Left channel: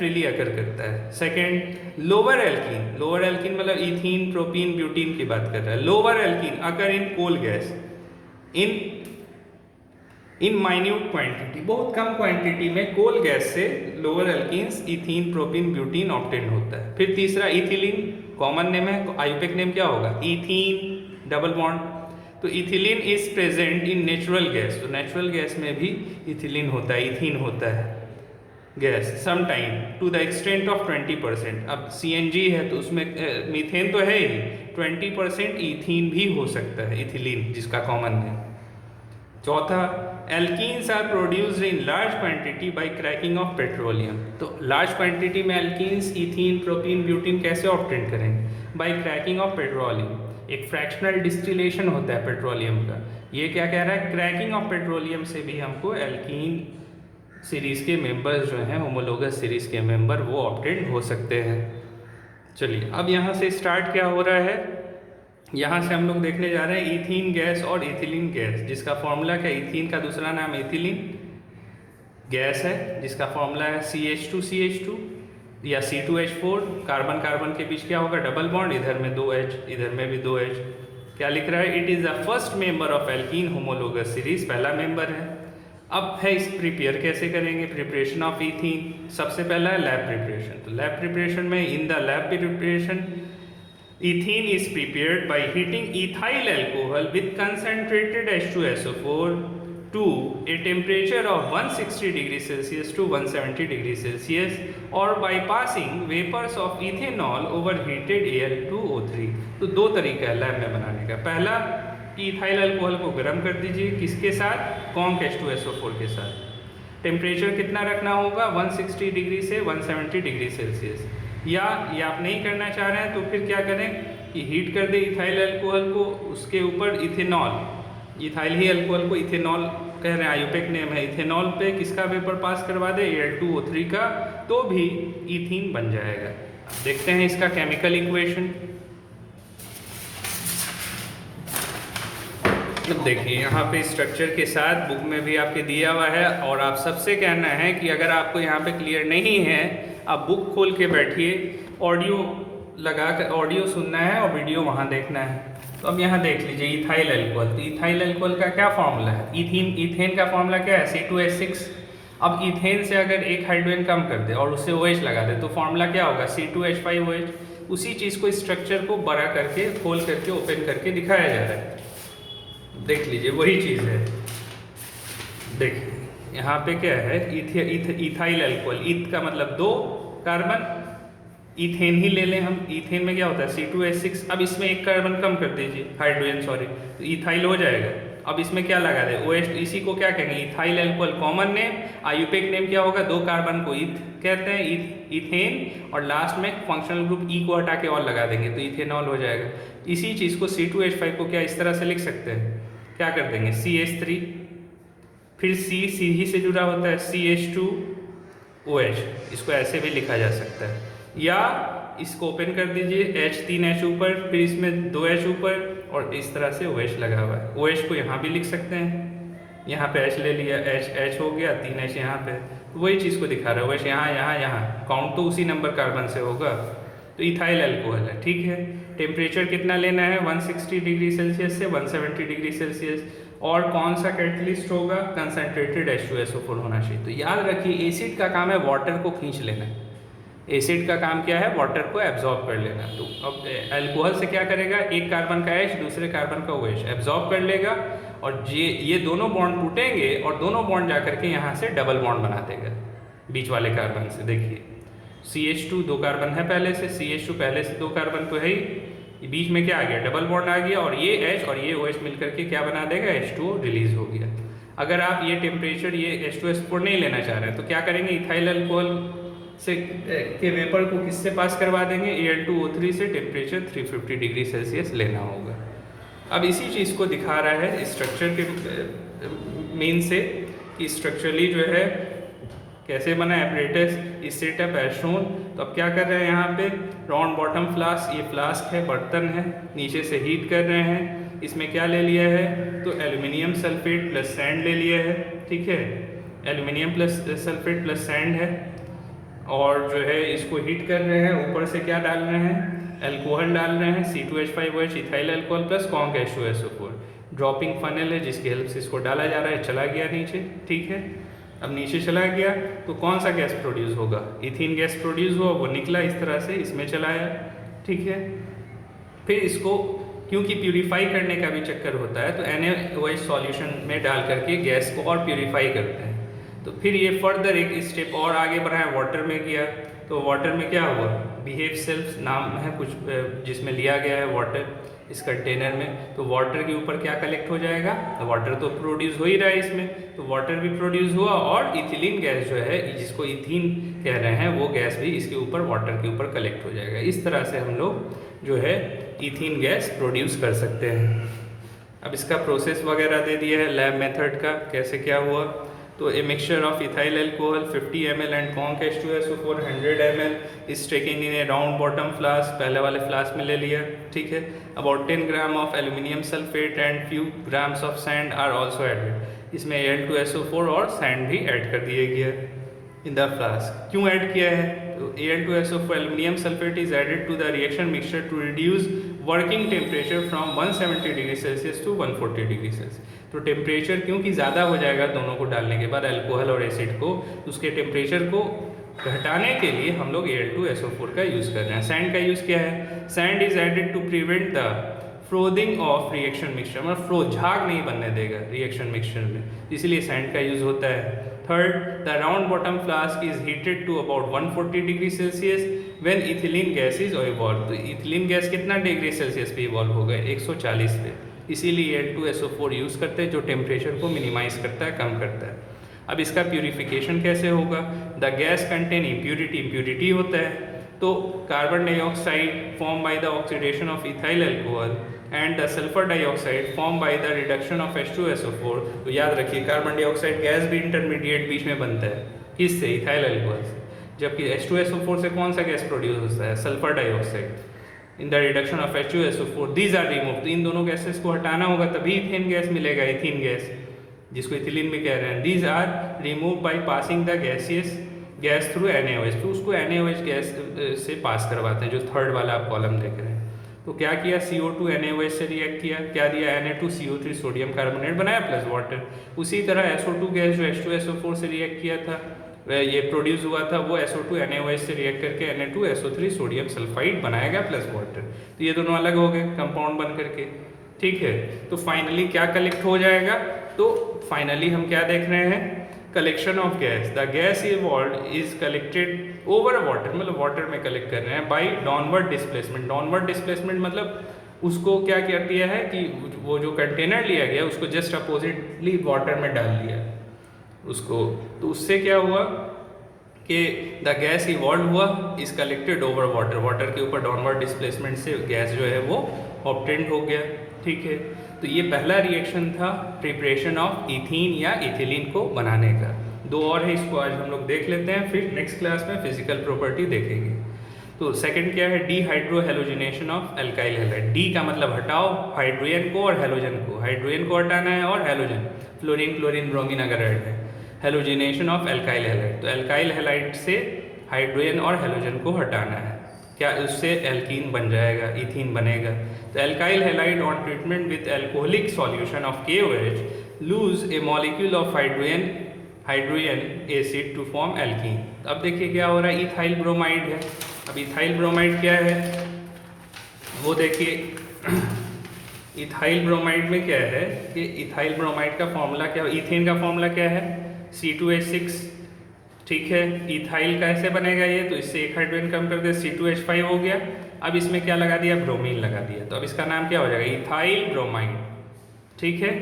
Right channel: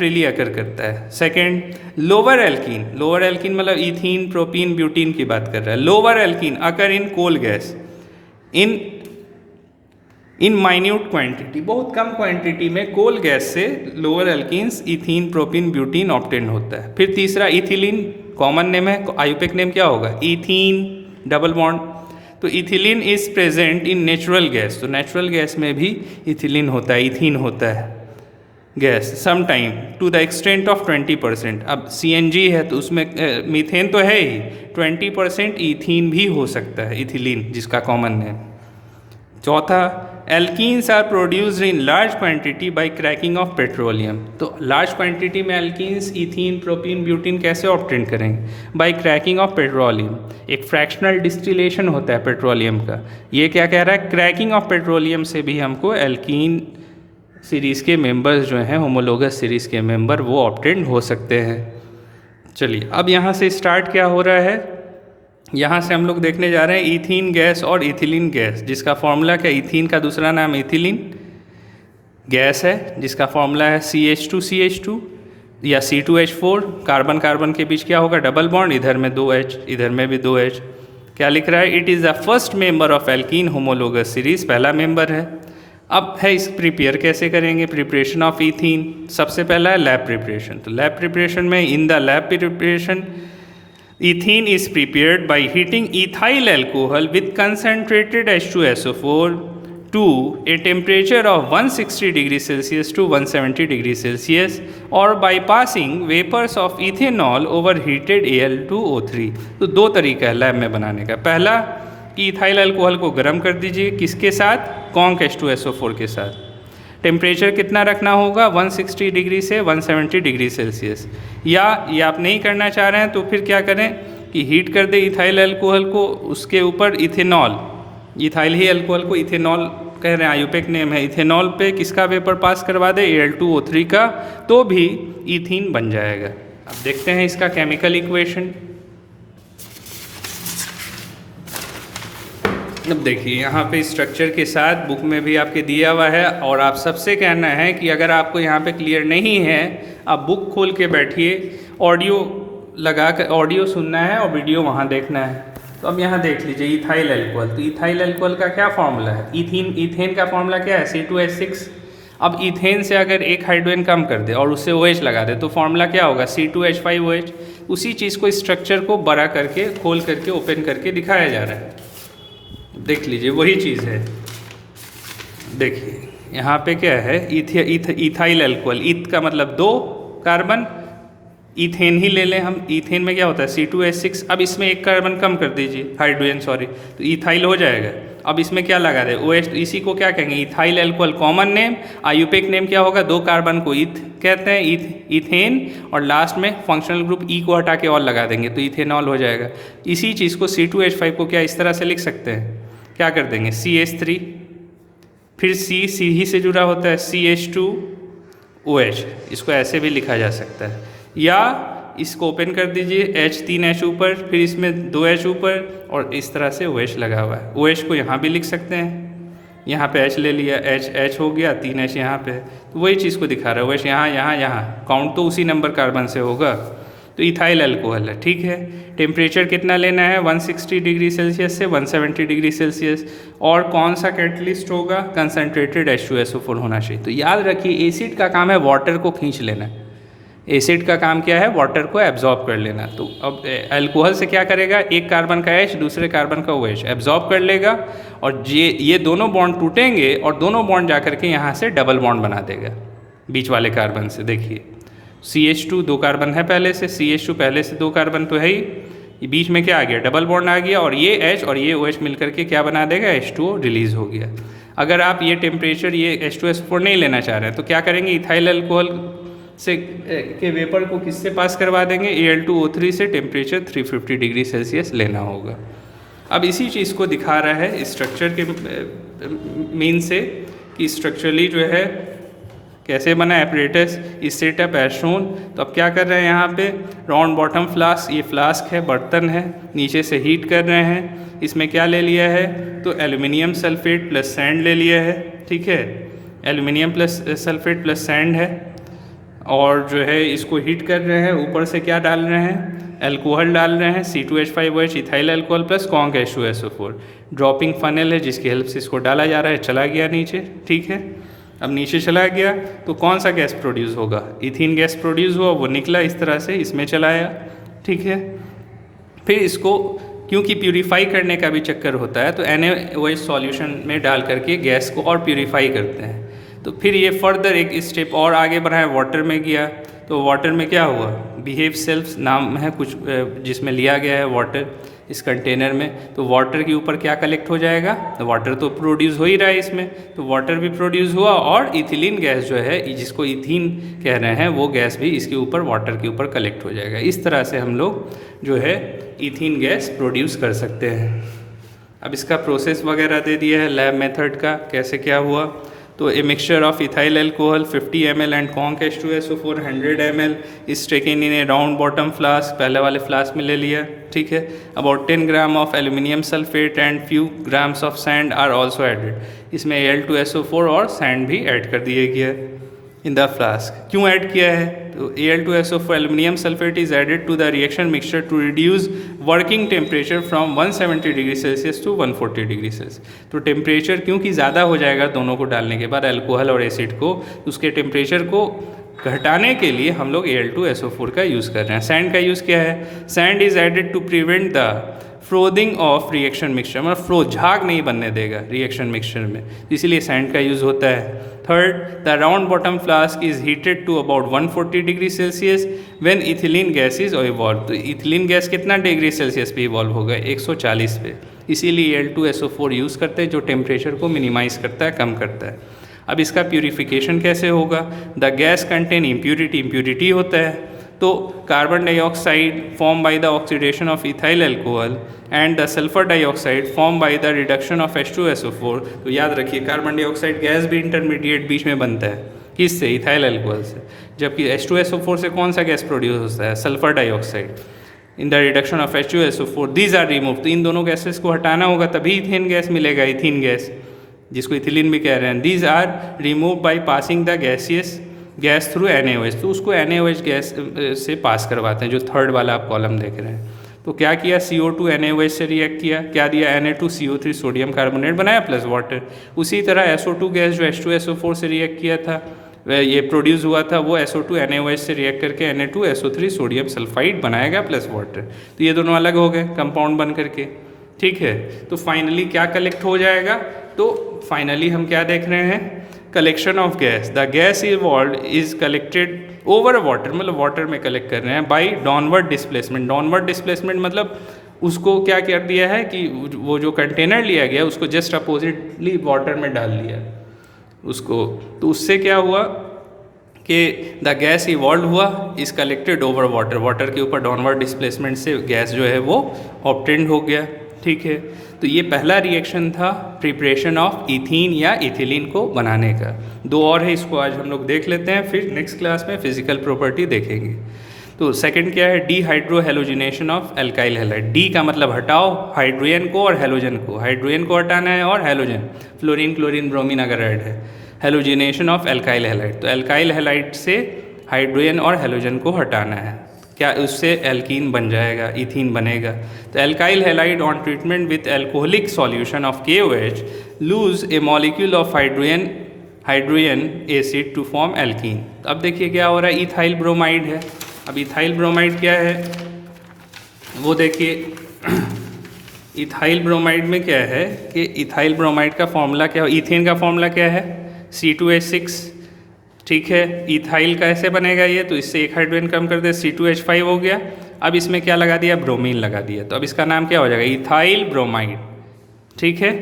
Freely occur करता है। Second, lower alkene, lower alkene मतलब इथीन, प्रोपीन, ब्यूटीन की बात कर रहा है। Lower alkene occur in coal gas in minute quantity, बहुत कम क्वांटिटी में कोल गैस से lower alkenes ethene, propene, butene obtain होता है। फिर तीसरा इथिलीन, कॉमन नेम है, आयुपेक नेम क्या होगा, इथीन डबल बॉन्ड। तो ethylene is present in natural gas, तो नेचुरल गैस में भी इथिलीन होता है, इथीन होता है gas some time to the extent of 20%। अब CNG है तो उसमें मीथेन तो है ही, 20% इथीन भी हो सकता है, इथिलीन जिसका कॉमन है। चौथा, alkenes are produced in large quantity by cracking of petroleum. तो लार्ज क्वांटिटी में एल्कीन्स इथीन, प्रोपीन, ब्यूटीन कैसे ऑब्टेन करेंगे, बाय क्रैकिंग ऑफ पेट्रोलियम। एक फ्रैक्शनल डिस्टिलेशन होता है पेट्रोलियम का, ये क्या कह रहा है, क्रैकिंग ऑफ पेट्रोलियम से भी हमको एल्कीन सीरीज़ के मेंबर्स जो हैं, होमोलोगस सीरीज़ के मेंबर, वो ऑब्टेन हो सकते हैं। चलिए अब यहाँ से स्टार्ट क्या हो रहा है, यहाँ से हम लोग देखने जा रहे हैं इथीन गैस और इथिलीन गैस, जिसका फॉर्मूला क्या, इथीन का दूसरा नाम इथिलीन गैस है, जिसका फॉर्मूला है CH2CH2 या C2H4। कार्बन कार्बन के बीच क्या होगा, डबल बॉन्ड, इधर में 2H, इधर में भी 2H। क्या लिख रहा है, it is the first member of alkene homologous series, पहला मेंबर है। अब है इस प्रिपेयर कैसे करेंगे, प्रिपरेशन ऑफ इथीन, सबसे पहला है लैब प्रिपरेशन। तो लैब प्रिपरेशन में, in the lab preparation ethene is prepared by heating ethyl alcohol with concentrated H2SO4 to a temperature of 160 degrees Celsius to 170 degrees Celsius or by passing vapors of ethanol over heated Al2O3। तो दो तरीका है lab में बनाने का। पहला कि ethyl alcohol को गर्म कर दीजिए, किसके साथ, कॉन्क H2SO4 के साथ। टेम्परेचर कितना रखना होगा, 160 डिग्री से 170 डिग्री सेल्सियस। या ये आप नहीं करना चाह रहे हैं तो फिर क्या करें कि हीट कर दे इथाइल अल्कोहल को, उसके ऊपर इथेनॉल, इथाइल ही अल्कोहल को इथेनॉल कह रहे हैं, आयुपेक नेम है, इथेनॉल पे किसका वेपर पास करवा दे, Al2O3 का, तो भी इथीन बन जाएगा। अब देखते हैं इसका केमिकल इक्वेशन। अब देखिए यहाँ पे स्ट्रक्चर के साथ बुक में भी आपके दिया हुआ है, और आप सबसे कहना है कि अगर आपको यहाँ पे क्लियर नहीं है, आप बुक खोल के बैठिए, ऑडियो लगा कर ऑडियो सुनना है और वीडियो वहाँ देखना है। तो अब यहाँ देख लीजिए इथाइल अल्कोहल, तो इथाइल अल्कोहल का क्या फॉर्मूला है, इथेन का फॉर्मूला क्या है, C2H6। अब इथेन से अगर एक हाइड्रोजन कम कर दे और उससे OH लगा दे तो फॉर्मूला क्या होगा, C2H5OH। उसी चीज़ को, स्ट्रक्चर को बड़ा करके, खोल करके, ओपन करके दिखाया जा रहा है। देख लीजिए वही चीज़ है। देखिए यहाँ पे क्या है, इथाइल अल्कोहल, ईथ का मतलब 2 कार्बन, इथेन ही ले लें हम, इथेन में क्या होता है C2H6। अब इसमें एक कार्बन कम कर दीजिए, हाइड्रोजन सॉरी, तो इथाइल हो जाएगा। अब इसमें क्या लगा दे, OH, तो इसी को क्या कहेंगे, ethyl alcohol common name, IUPAC name क्या होगा, 2 कार्बन को ईथ कहते हैं, इथेन, और लास्ट में फंक्शनल ग्रुप E को हटा के और लगा देंगे तो इथेनॉल हो जाएगा। इसी चीज़ को C2H5 को क्या इस तरह से लिख सकते हैं, क्या कर देंगे, CH3, फिर C ही से जुड़ा होता है, CH2OH, इसको ऐसे भी लिखा जा सकता है। या इसको ओपन कर दीजिए, H3H ऊपर, फिर इसमें 2H ऊपर, और इस तरह से OH लगा हुआ है। OH को यहाँ भी लिख सकते हैं, यहाँ पे H ले लिया, H हो गया, 3H यहाँ पे, तो वही चीज़ को दिखा रहा है, OH यहाँ यहाँ यहाँ, काउंट तो उसी नंबर कार्बन से होगा। तो इथाइल अल्कोहल है, ठीक है। टेम्परेचर कितना लेना है, 160 डिग्री सेल्सियस से 170 डिग्री सेल्सियस। और कौन सा कैटलिस्ट होगा, कंसनट्रेटेड H2SO4 होना चाहिए। तो याद रखिए एसिड का काम है वाटर को खींच लेना, एसिड का काम क्या है, वाटर को एब्जॉर्ब कर लेना। तो अब अल्कोहल से क्या करेगा, एक कार्बन का H दूसरे कार्बन का OH एब्जॉर्ब कर लेगा, और ये दोनों बॉन्ड टूटेंगे और दोनों बॉन्ड जा करके यहाँ से डबल बॉन्ड बना देगा बीच वाले कार्बन से। देखिए CH2 2 कार्बन है पहले से, CH2 पहले से 2 कार्बन तो है ही, ये बीच में क्या आ गया, डबल बॉन्ड आ गया, और ये H और ये OH मिल करके क्या बना देगा, H2O रिलीज हो गया। अगर आप ये टेम्परेचर, ये H2SO4 नहीं लेना चाह रहे हैं तो क्या करेंगे, इथाइल अल्कोहल से के वेपर को किससे पास करवा देंगे, Al2O3 से, टेम्परेचर 350 डिग्री सेल्सियस लेना होगा। अब इसी चीज़ को दिखा रहा है स्ट्रक्चर के मीन से कि स्ट्रक्चरली जो है कैसे बना एपरेटस, इस सेटअप एज शोन। तो अब क्या कर रहे हैं, यहाँ पे राउंड बॉटम फ्लास्क, ये फ्लास्क है, बर्तन है, नीचे से हीट कर रहे हैं। इसमें क्या ले लिया है, तो एल्युमिनियम सल्फेट प्लस सैंड ले लिया है, ठीक है, aluminium plus sulphate plus sand है। और जो है इसको हीट कर रहे हैं, ऊपर से क्या डाल रहे हैं, अल्कोहल डाल रहे हैं, C2H5OH ethyl alcohol plus conc H2SO4। Dropping funnel है जिसकी हेल्प से इसको डाला जा रहा है, चला गया नीचे, ठीक है। अब नीचे चला गया तो कौन सा गैस प्रोड्यूस होगा, इथीन गैस प्रोड्यूस हुआ, वो निकला इस तरह से, इसमें चलाया, ठीक है। फिर इसको क्योंकि प्यूरीफाई करने का भी चक्कर होता है तो NaOH सॉल्यूशन में डाल करके गैस को और प्यूरीफाई करते हैं। तो फिर ये फर्दर एक स्टेप और आगे बढ़ाया, वाटर में गया, तो वाटर में क्या हुआ, बिहेव सेल्फ नाम है कुछ जिसमें लिया गया है वाटर इस कंटेनर में, तो वाटर के ऊपर क्या कलेक्ट हो जाएगा, तो वाटर तो प्रोड्यूस हो ही रहा है इसमें, तो वाटर भी प्रोड्यूस हुआ और इथिलीन गैस जो है जिसको इथीन कह रहे हैं वो गैस भी इसके ऊपर वाटर के ऊपर कलेक्ट हो जाएगा। इस तरह से हम लोग जो है इथीन गैस प्रोड्यूस कर सकते हैं। अब इसका प्रोसेस वगैरह दे दिया है लैब मेथड का कैसे क्या हुआ। तो a mixture of ethyl alcohol 50 ml and conc H2SO4 100 ml is taken in a round bottom flask, पहले वाले फ्लास्क में ले लिया, ठीक है। About 10 gram of aluminium sulphate and few grams of sand are also added. इसमें Al2SO4 और sand भी ऐड कर दिए गया इन द फ्लास्क। क्यों ऐड किया है, तो Al2SO4 aluminium sulphate is added to the reaction mixture to reduce working temperature from 170 degree Celsius to 140 degree Celsius. तो टेम्परेचर क्योंकि ज़्यादा हो जाएगा दोनों को डालने के बाद, अल्कोहल और एसिड को, उसके टेम्परेचर को घटाने के लिए हम लोग Al2SO4 का यूज़ कर रहे हैं। सैंड का यूज़ क्या है, sand is added to prevent the frothing of reaction mixture, मतलब फ्रो झाग नहीं बनने देगा रिएक्शन मिक्सचर में, इसीलिए सैंड का यूज़ होता है। Third, the round bottom flask is heated to about 140 degree Celsius when ethylene gas is evolve. तो इथिलीन गैस कितना डिग्री सेल्सियस पे इवॉल्व होगा, 140 पे, इसीलिए Al2SO4 यूज़ करते हैं जो टेम्परेचर को मिनिमाइज करता है, कम करता है। अब इसका प्यूरिफिकेशन कैसे होगा, the gas contain impurity, impurity होता है, तो carbon dioxide form by the oxidation of ethyl alcohol and the sulphur dioxide form by the reduction of H2SO4। तो याद रखिए कार्बन डाइऑक्साइड गैस भी इंटरमीडिएट बीच में बनता है, किससे, इथाइल अल्कोहल से, जबकि H2SO4 से कौन सा गैस प्रोड्यूस होता है, sulphur dioxide. In the reduction of H2SO4 these are remove, तो इन दोनों गैसेस को हटाना होगा तभी इथेन गैस मिलेगा, इथीन गैस जिसको इथिलीन भी कह रहे हैं। These are remove by passing the gas through NaOH, तो उसको NaOH गैस से पास करवाते हैं, जो थर्ड वाला आप कॉलम देख रहे हैं। तो क्या किया, CO2 NaOH से रिएक्ट किया, क्या दिया, Na2CO3 सोडियम कार्बोनेट बनाया प्लस वाटर। उसी तरह SO2 गैस जो H2SO4 से रिएक्ट किया था, ये प्रोड्यूस हुआ था, वो SO2 NaOH से रिएक्ट करके Na2SO3 सोडियम सल्फाइड बनाएगा प्लस वाटर। तो ये दोनों अलग हो गए कंपाउंड बन करके, ठीक है। तो फाइनली क्या कलेक्ट हो जाएगा, तो फाइनली हम क्या देख रहे हैं, collection of gas, the gas evolve is collected over water, मतलब वाटर में कलेक्ट कर रहे हैं by downward displacement. Downward displacement मतलब उसको क्या कर दिया है कि वो जो कंटेनर लिया गया उसको जस्ट अपोजिटली वाटर में डाल दिया उसको, तो उससे क्या हुआ कि द गैस इवॉल्व हुआ is collected over water, water के ऊपर डाउनवर्ड डिस्प्लेसमेंट से गैस जो है वो ऑब्टेन्ड हो गया, ठीक है। तो ये पहला रिएक्शन था प्रिपरेशन ऑफ इथीन या इथिलीन को बनाने का। दो और है, इसको आज हम लोग देख लेते हैं, फिर नेक्स्ट क्लास में फिजिकल प्रॉपर्टी देखेंगे। तो सेकंड क्या है, dehydrohalogenation of alkyl halide. D का मतलब हटाओ हाइड्रोजन को और हेलोजन को, हाइड्रोजन को हटाना है और हेलोजन, फ्लोरीन क्लोरीन ब्रोमीन अगर ऐड है, हेलोजिनेशन ऑफ एल्काइल हैलाइड। तो एल्काइल हैलाइड से हाइड्रोजन और हेलोजन को हटाना है, क्या उससे एल्कीन बन जाएगा, इथीन बनेगा। तो alkyl halide on treatment with alcoholic solution of KOH lose a molecule of hydrogen acid to form alkene. अब देखिए क्या हो रहा है, इथाइल ब्रोमाइड है। अब इथाइल ब्रोमाइड क्या है वो देखिए, इथाइल ब्रोमाइड में क्या है कि इथाइल ब्रोमाइड का फॉर्मूला क्या है, इथेन का फॉर्मूला क्या है, C2H6, ठीक है। इथाइल कैसे बनेगा ये, तो इससे एक हाइड्रोजन कम कर दे, C2H5 हो गया। अब इसमें क्या लगा दिया, ब्रोमीन लगा दिया, तो अब इसका नाम क्या हो जाएगा, इथाइल ब्रोमाइड, ठीक है।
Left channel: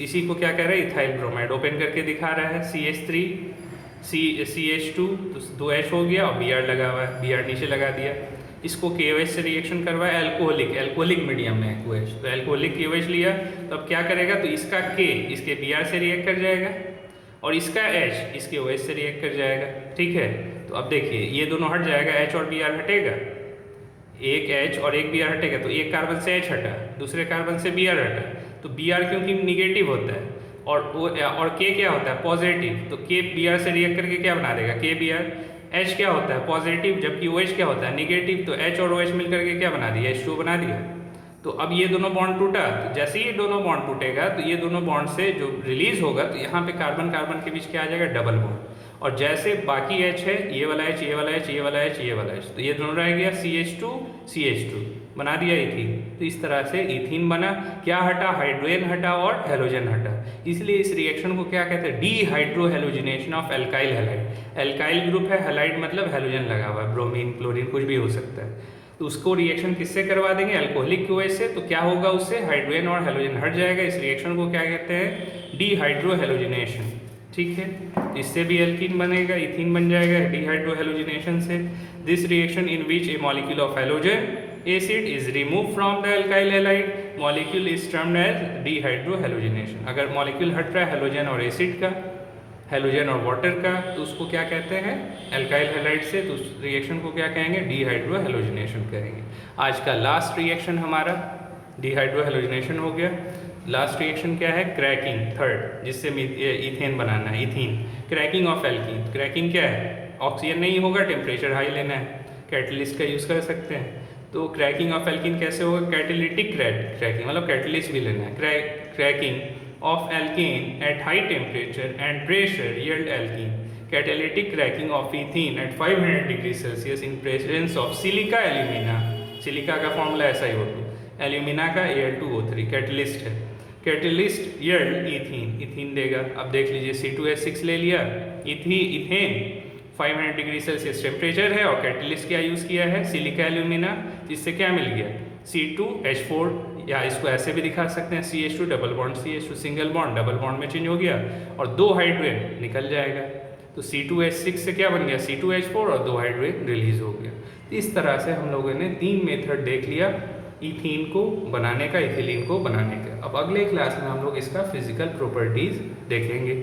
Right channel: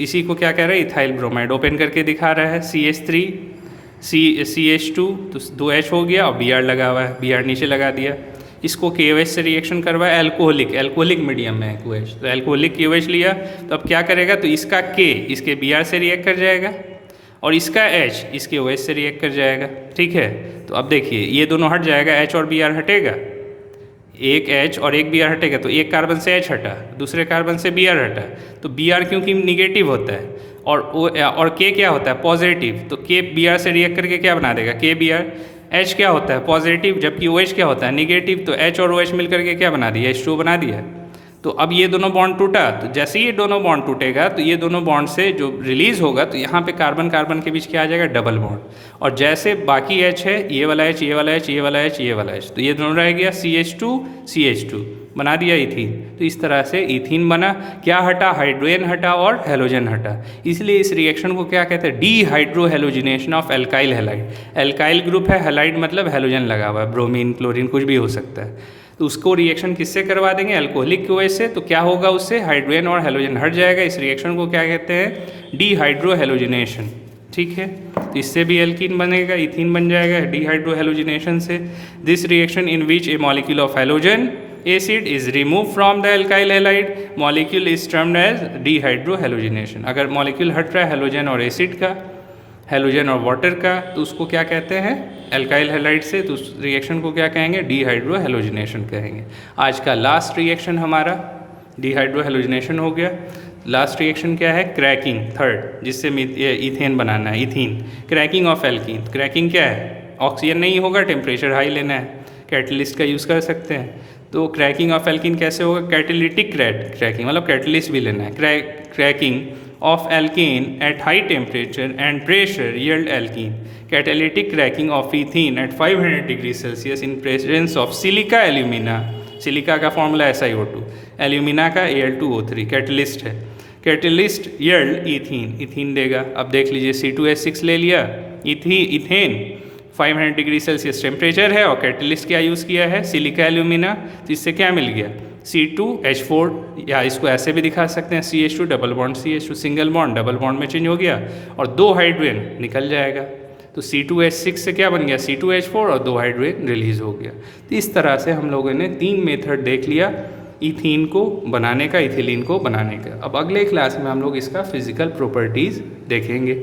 इसी को क्या कह रहे हैं, इथाइल ब्रोमाइड। ओपन करके दिखा रहा है, CH3 CH2, तो 2H हो गया और Br लगा हुआ है, Br नीचे लगा दिया। इसको KOH से रिएक्शन करवाया, एल्कोहलिक मीडियम में है KOH, तो एल्कोहलिक KOH लिया, तो अब क्या करेगा, तो इसका K इसके Br से रिएक्ट कर जाएगा और इसका H इसके OH से रिएक्ट कर जाएगा, ठीक है। तो अब देखिए ये दोनों हट जाएगा, H और Br हटेगा, एक H और एक Br हटेगा, तो एक कार्बन से H हटा, दूसरे कार्बन से Br हटा, तो Br क्योंकि निगेटिव होता है और K क्या होता है, पॉजिटिव, तो K Br से रिएक्ट करके क्या बना देगा, KBr, H क्या होता है पॉजिटिव, जबकि OH क्या होता है निगेटिव, तो H और OH मिलकर के क्या बना दिया, H2 बना दिया। तो अब ये दोनों बॉन्ड टूटा, तो जैसे ही ये दोनों बॉन्ड टूटेगा तो ये दोनों बॉन्ड से जो रिलीज होगा तो यहाँ पे कार्बन कार्बन के बीच क्या आ जाएगा, डबल बॉन्ड। और जैसे बाकी H है, ये वाला H, ये वाला H, ये वाला H, ये वाला H, तो ये दोनों रह गया CH2 CH2, बना दिया इथीन। तो इस तरह से इथीन बना। क्या हटा, हाइड्रोजन हटा और हेलोजन हटा। इसलिए इस रिएक्शन को क्या कहते हैं, dehydrohalogenation of alkyl halide. Alkyl group है, हैलाइड मतलब हेलोजन लगा हुआ है, ब्रोमीन क्लोरीन कुछ भी हो सकता है। तो उसको रिएक्शन किससे करवा देंगे, अल्कोहलिक की वजह से। तो क्या होगा उससे, हाइड्रोजन और हेलोजन हट जाएगा। इस रिएक्शन को क्या कहते हैं, डीहाइड्रोहेलोजिनेशन। ठीक है, तो इससे भी एल्कीन बनेगा, इथीन बन जाएगा डीहाइड्रोहेलोजिनेशन से। This reaction in which a molecule of halogen acid is remove from the alkyl halide molecule is termed as dehydrohalogenation. अगर मॉलिक्यूल हट रहा है हेलोजन और एसिड का, हेलोजन और वाटर का, तो उसको क्या कहते हैं, एल्काइल हैलाइड से। तो उस रिएक्शन को क्या कहेंगे, डीहाइड्रोहेलोजिनेशन कहेंगे। आज का लास्ट रिएक्शन हमारा डीहाइड्रोहेलोजिनेशन हो गया। लास्ट रिएक्शन क्या है, क्रैकिंग, थर्ड, जिससे इथेन बनाना है, ethene. Cracking of alkene, cracking क्या है, ऑक्सीजन नहीं होगा, टेम्परेचर हाई लेना है, कैटलिस्ट का यूज़ कर सकते हैं। तो क्रैकिंग ऑफ एल्कीन कैसे होगा, कैटेलिटिक क्रैकिंग, मतलब कैटलिस्ट भी लेना है। Cracking of alkane at high temperature and pressure yield alkene. Catalytic cracking of ethene at 500 degrees Celsius in presence of silica alumina. Silica का फॉर्मूला SiO2, एल्यूमिना का Al2O3, catalyst है। Catalyst yield ethene, ethene देगा। अब देख लीजिए C2H6 ले लिया, ethane 500 degree Celsius temperature है और कैटलिस्ट क्या यूज़ किया है, सिलिका एल्यूमिना। तो इससे क्या मिल गया, C2H4, या इसको ऐसे भी दिखा सकते हैं CH2 double bond CH2, single bond double bond में चेंज हो गया और 2 हाइड्रोजन निकल जाएगा। तो C2H6 से क्या बन गया, C2H4 और 2 हाइड्रोजन रिलीज हो गया। तो इस तरह से हम लोगों ने 3 मेथड देख लिया इथीन को बनाने का, इथिलीन को बनाने का। अब अगले क्लास में हम लोग इसका फिजिकल प्रॉपर्टीज़ देखेंगे।